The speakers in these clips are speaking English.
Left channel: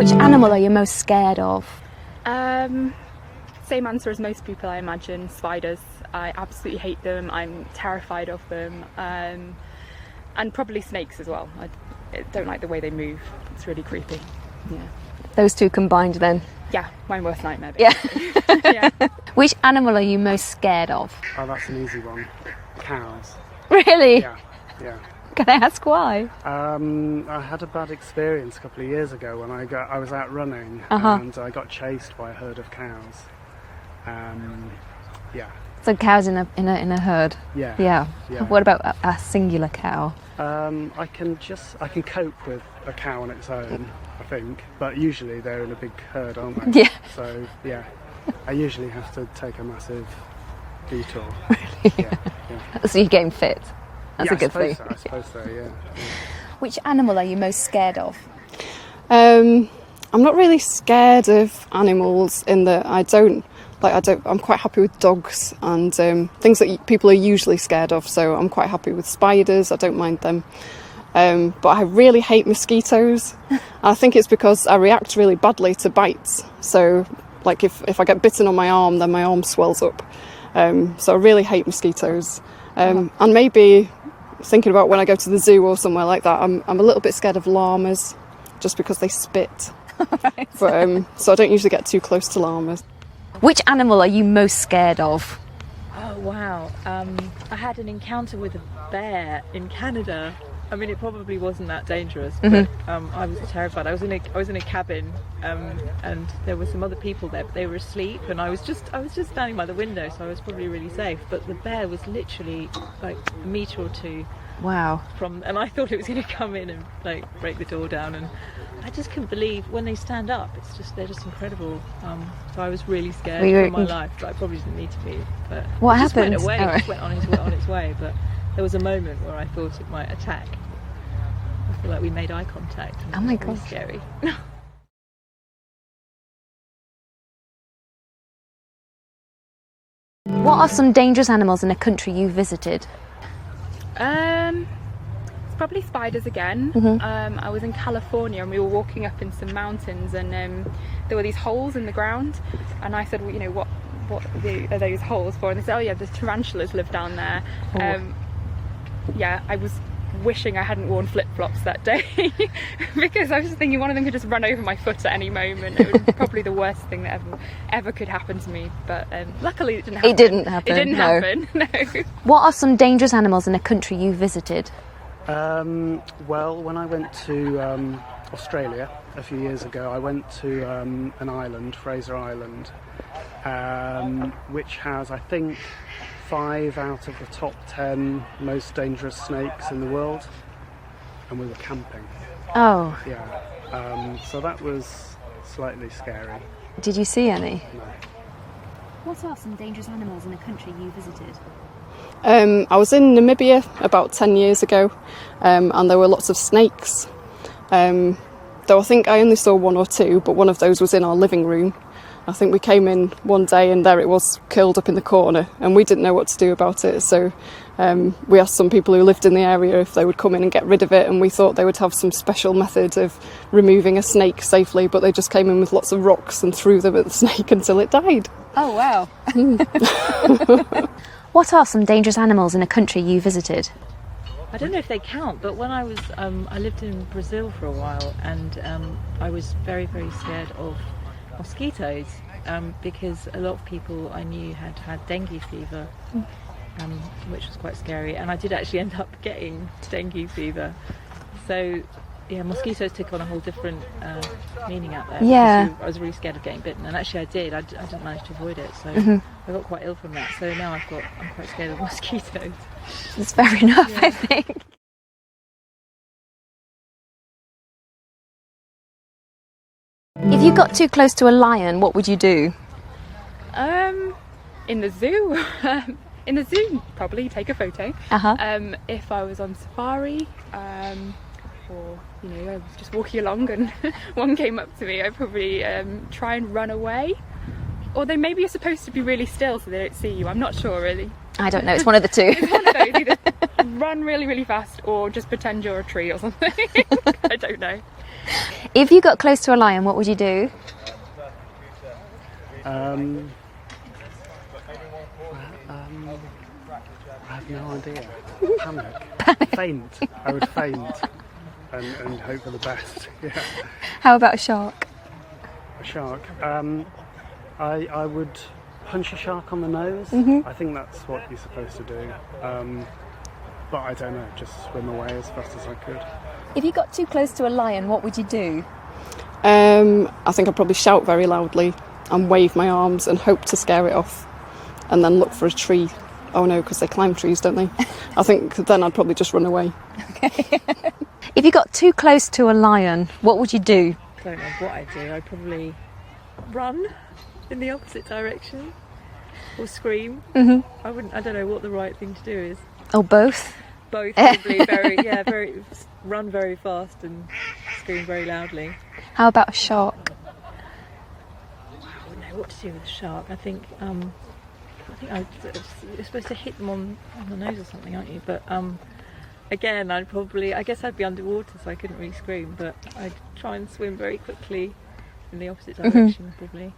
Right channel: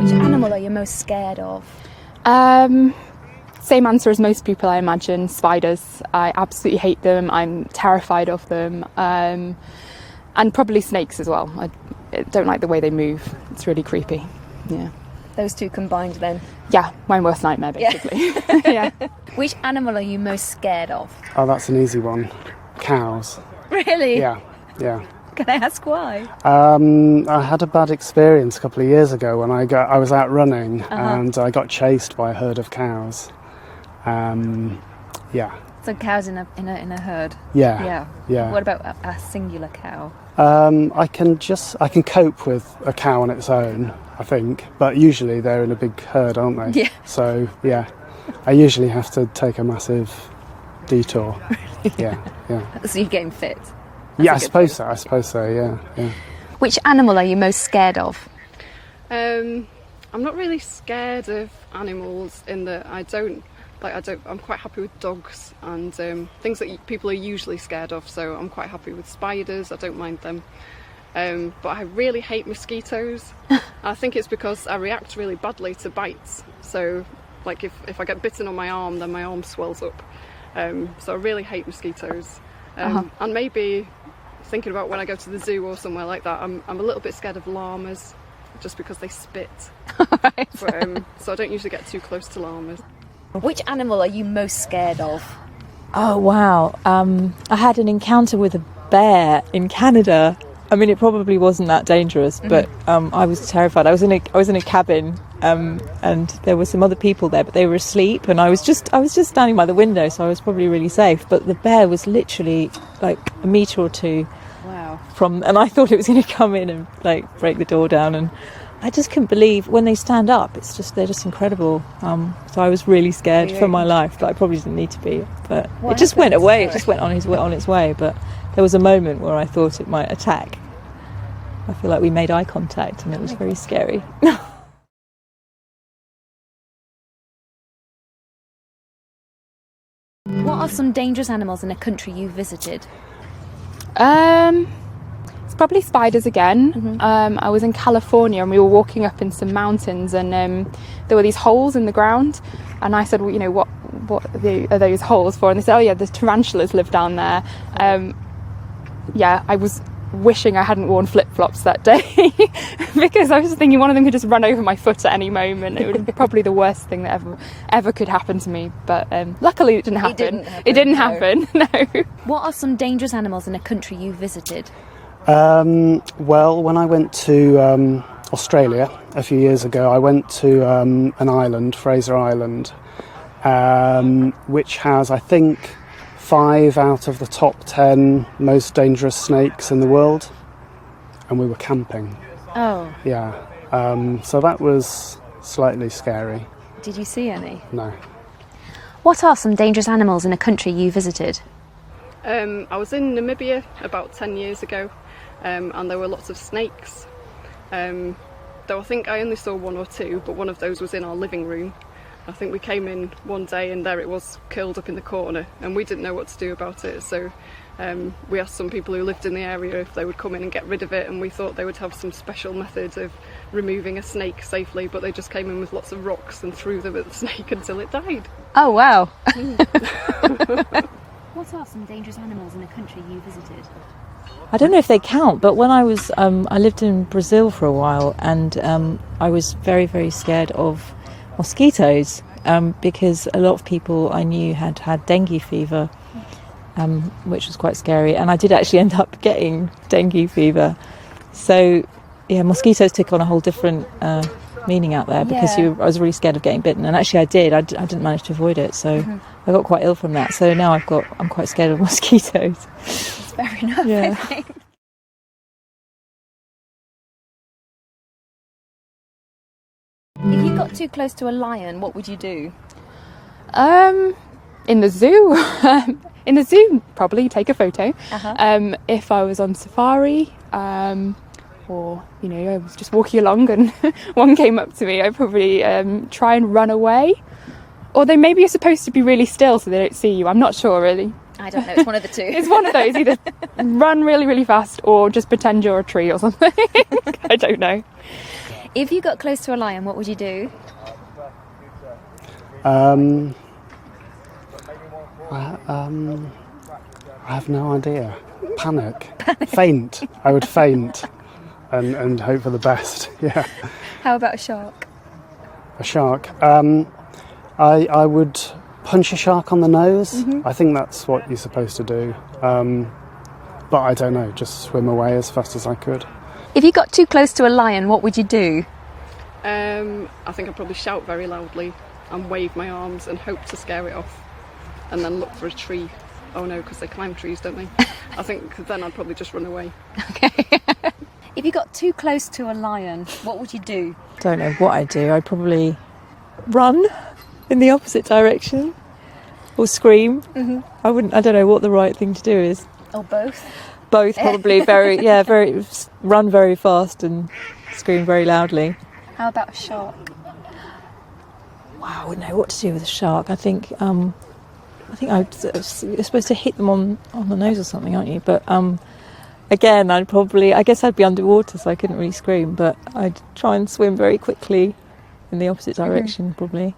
Which animal are you most scared of? Same answer as most people, I imagine. Spiders. I absolutely hate them. I'm terrified of them. And probably snakes as well. I don't like the way they move. It's really creepy. Yeah. Those two combined then? Yeah, my worst nightmare, basically. Yeah. Which animal are you most scared of? Oh, that's an easy one. Cows. Really? Yeah. Can I ask why? I had a bad experience a couple of years ago when I was out running and I got chased by a herd of cows. Yeah. So cows in a herd? Yeah. What about a singular cow? I can cope with a cow on its own, I think, but usually they're in a big herd, aren't they? Yeah. So, yeah, I usually have to take a massive detour. Yeah. So you're getting fit? I suppose so, yeah. Which animal are you most scared of? I'm not really scared of animals in that I'm quite happy with dogs and things that people are usually scared of, so I'm quite happy with spiders. I don't mind them. But I really hate mosquitoes. I think it's because I react really badly to bites. So like if I get bitten on my arm, then my arm swells up. So I really hate mosquitoes. And maybe thinking about when I go to the zoo or somewhere like that, I'm a little bit scared of llamas just because they spit. Right. But, so I don't usually get too close to llamas. Which animal are you most scared of? Oh, wow. I had an encounter with a bear in Canada. I mean, it probably wasn't that dangerous, but I was terrified. I was in a cabin, and there were some other people there, but they were asleep, and I was just standing by the window, so I was probably really safe. But the bear was literally like a metre or two from, and I thought it was going to come in and like break the door down, and I just couldn't believe when they stand up. They're just incredible. So I was really scared for my life, but I probably didn't need to be. But it just went away. It just went on its way. But there was a moment where I thought it might attack. I feel like we made eye contact, and it was very scary. What are some dangerous animals in a country you visited? It's probably spiders again. I was in California and we were walking up in some mountains, and there were these holes in the ground, and I said, well, you know, what are those holes for? And they said, oh yeah, the tarantulas live down there. Yeah, I was wishing I hadn't worn flip-flops that day because I was thinking one of them could just run over my foot at any moment. It would be probably the worst thing that ever could happen to me, but luckily it didn't happen. It didn't happen. No. What are some dangerous animals in a country you visited? Well, when I went to Australia a few years ago, I went to an island, Fraser Island, which has, I think, 5 out of the top 10 most dangerous snakes in the world, and we were camping. Oh. Yeah. So that was slightly scary. Did you see any? No. What are some dangerous animals in a country you visited? I was in Namibia about 10 years ago, and there were lots of snakes. Though I think I only saw 1 or 2, but one of those was in our living room. I think we came in one day and there it was curled up in the corner, and we didn't know what to do about it, so we asked some people who lived in the area if they would come in and get rid of it, and we thought they would have some special method of removing a snake safely, but they just came in with lots of rocks and threw them at the snake until it died. Oh wow. What are some dangerous animals in a country you visited? I don't know if they count, but when I was, I lived in Brazil for a while, and I was very, very scared of mosquitoes because a lot of people I knew had dengue fever, which was quite scary, and I did actually end up getting dengue fever. So, yeah, mosquitoes took on a whole different meaning out there because I was really scared of getting bitten, and actually I did. I didn't manage to avoid it, so I got quite ill from that. So now I'm quite scared of mosquitoes. That's fair enough, Yeah. I think. If you got too close to a lion, what would you do? In the zoo. In the zoo, probably take a photo. If I was on safari, or you know, I was just walking along and one came up to me, I'd probably try and run away. Although maybe you're supposed to be really still so they don't see you. I'm not sure really. I don't know, it's one of the two. It's one of those, either run really, really fast or just pretend you're a tree or something. I don't know. If you got close to a lion, what would you do? I have no idea. Panic. Faint. I would faint and hope for the best. Yeah. How about a shark? A shark. I would punch a shark on the nose. I think that's what you're supposed to do. But I don't know, just swim away as fast as I could. If you got too close to a lion, what would you do? I think I'd probably shout very loudly and wave my arms and hope to scare it off, and then look for a tree. Oh no, because they climb trees, don't they? I think then I'd probably just run away. Okay. If you got too close to a lion, what would you do? Don't know what I'd do. I'd probably run in the opposite direction or scream. I don't know what the right thing to do is. Or both? Both, probably. Run very fast and scream very loudly. How about a shark? Wow, I wouldn't know what to do with a shark. I think you're supposed to hit them on the nose or something, aren't you? But again, I guess I'd be underwater, so I couldn't really scream. But I'd try and swim very quickly in the opposite direction, probably.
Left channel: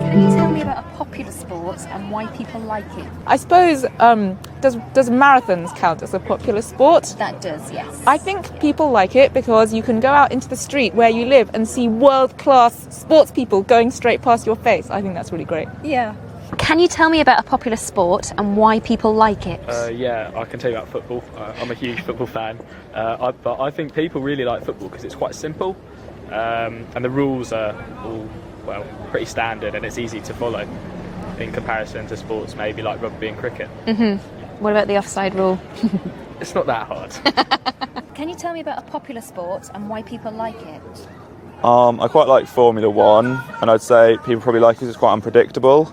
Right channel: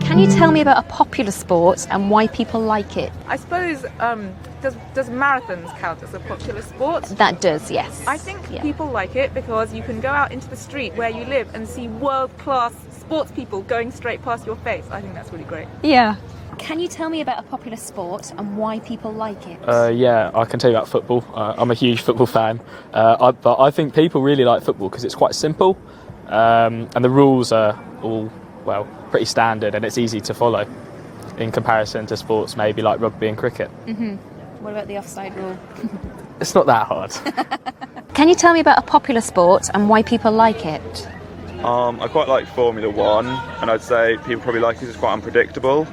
Can you tell me about a popular sport and why people like it? I suppose, does marathons count as a popular sport? That does, yes. I think people like it because you can go out into the street where you live and see world-class sports people going straight past your face. I think that's really great. Yeah. Can you tell me about a popular sport and why people like it? Yeah, I can tell you about football. I'm a huge football fan, but I think people really like football because it's quite simple, and the rules are all, well, pretty standard, and it's easy to follow in comparison to sports maybe like rugby and cricket. What about the offside rule? It's not that hard. Can you tell me about a popular sport and why people like it? I quite like Formula 1, and I'd say people probably like it because it's quite unpredictable,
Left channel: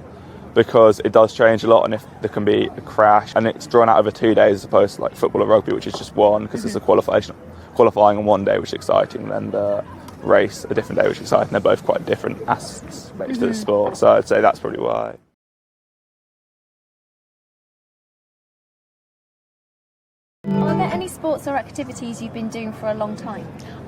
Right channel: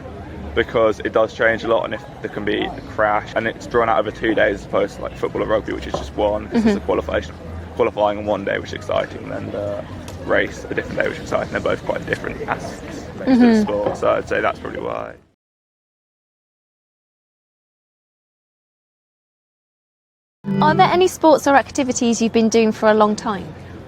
because it does change a lot, and if there can be a crash, and it's drawn out over 2 days as opposed to like football or rugby, which is just one, because there's a qualifying on one day, which is exciting, and then race a different day, which is exciting. They're both quite different aspects to the sport, so I'd say that's probably why. Are there any sports or activities you've been doing for a long time?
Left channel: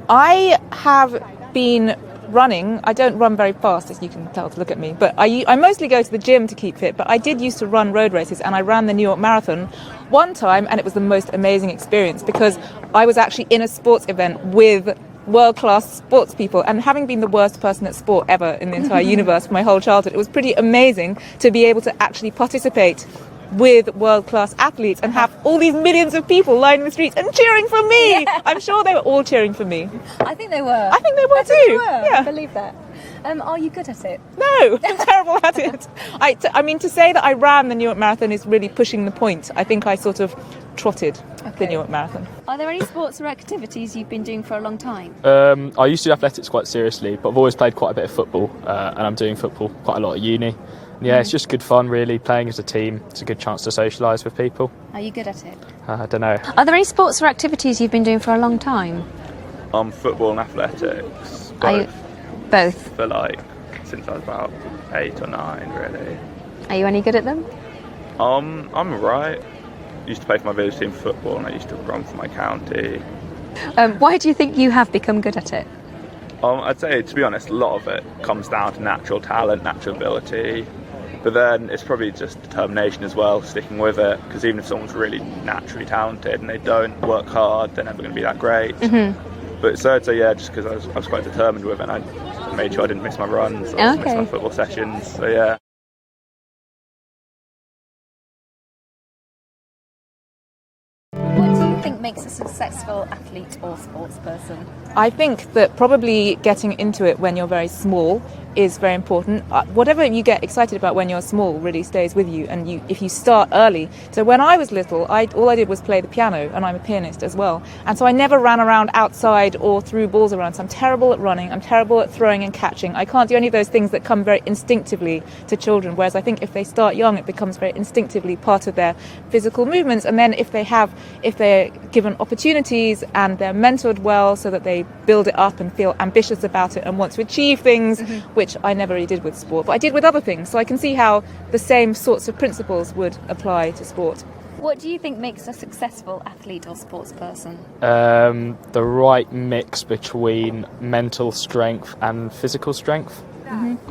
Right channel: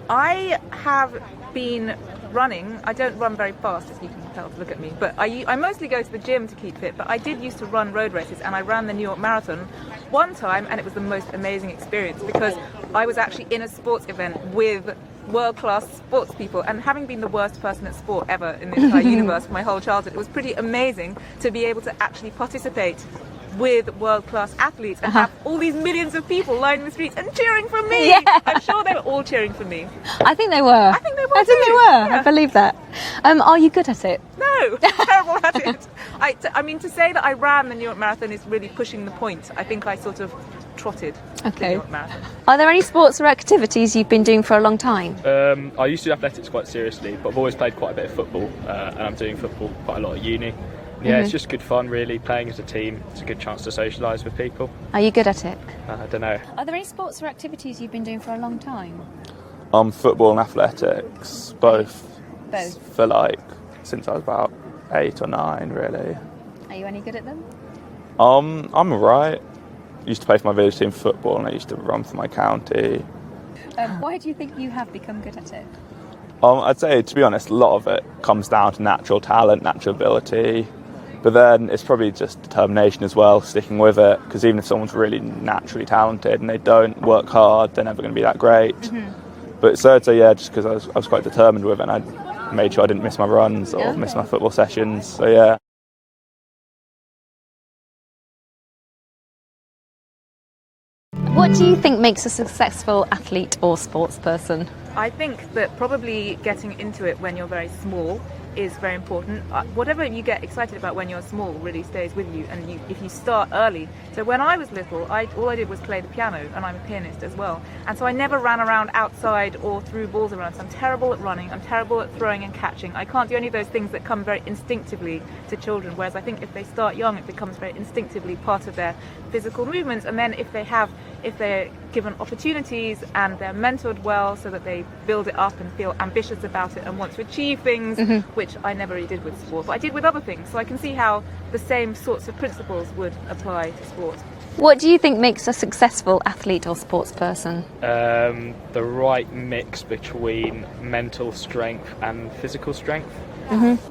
I have been running. I don't run very fast, as you can tell to look at me, but I mostly go to the gym to keep fit, but I did used to run road races, and I ran the New York Marathon one time, and it was the most amazing experience because I was actually in a sports event with world-class sports people, and having been the worst person at sport ever in the entire universe for my whole childhood, it was pretty amazing to be able to actually participate with world-class athletes and have all these millions of people lining the streets and cheering for me. Yeah. I'm sure they were all cheering for me. I think they were. I think they were too. Yeah. I believe that. Are you good at it? No, I'm terrible at it. I mean, to say that I ran the New York Marathon is really pushing the point. I think I sort of trotted the New York Marathon. Are there any sports or activities you've been doing for a long time? I used to do athletics quite seriously, but I've always played quite a bit of football, and I'm doing football quite a lot at uni. Yeah, it's just good fun, really. Playing as a team, it's a good chance to socialise with people. Are you good at it? I don't know. Are there any sports or activities you've been doing for a long time? Football and athletics, Both? For since I was about 8 or 9, really. Are you any good at them? I'm alright. Used to play for my village team football, and I used to run for my county. Why do you think you have become good at it? I'd say, to be honest, a lot of it comes down to natural talent, natural ability. But then it's probably just determination as well, sticking with it, because even if someone's really naturally talented and they don't work hard, they're never going to be that great. But so I'd say, yeah, just because I was quite determined with it, and I made sure I didn't miss my runs or miss my football sessions, so yeah. What do you think makes a successful athlete or sports person? I think that probably getting into it when you're very small is very important. Whatever you get excited about when you're small really stays with you, and if you start early. So when I was little, all I did was play the piano, and I'm a pianist as well. And so I never ran around outside or threw balls around. So I'm terrible at running, I'm terrible at throwing and catching. I can't do any of those things that come very instinctively to children, whereas I think if they start young, it becomes very instinctively part of their physical movements. And then if they're given opportunities and they're mentored well so that they build it up and feel ambitious about it and want to achieve things, which which I never really did with sport, but I did with other things. So I can see how the same sorts of principles would apply to sport. What do you think makes a successful athlete or sports person? The right mix between mental strength and physical strength.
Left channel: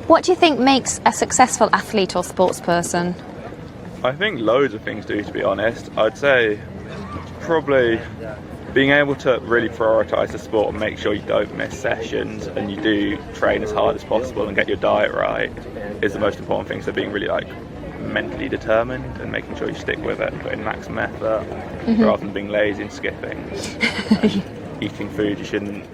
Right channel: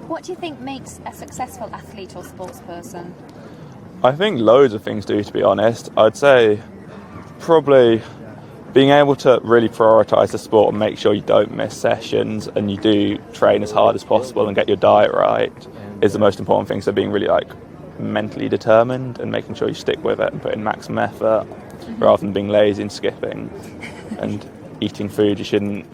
What do you think makes a successful athlete or sports person? I think loads of things do, to be honest. I'd say probably being able to really prioritise the sport and make sure you don't miss sessions and you do train as hard as possible and get your diet right is the most important thing. So being really mentally determined and making sure you stick with it and put in maximum effort rather than being lazy and skipping and eating food you shouldn't.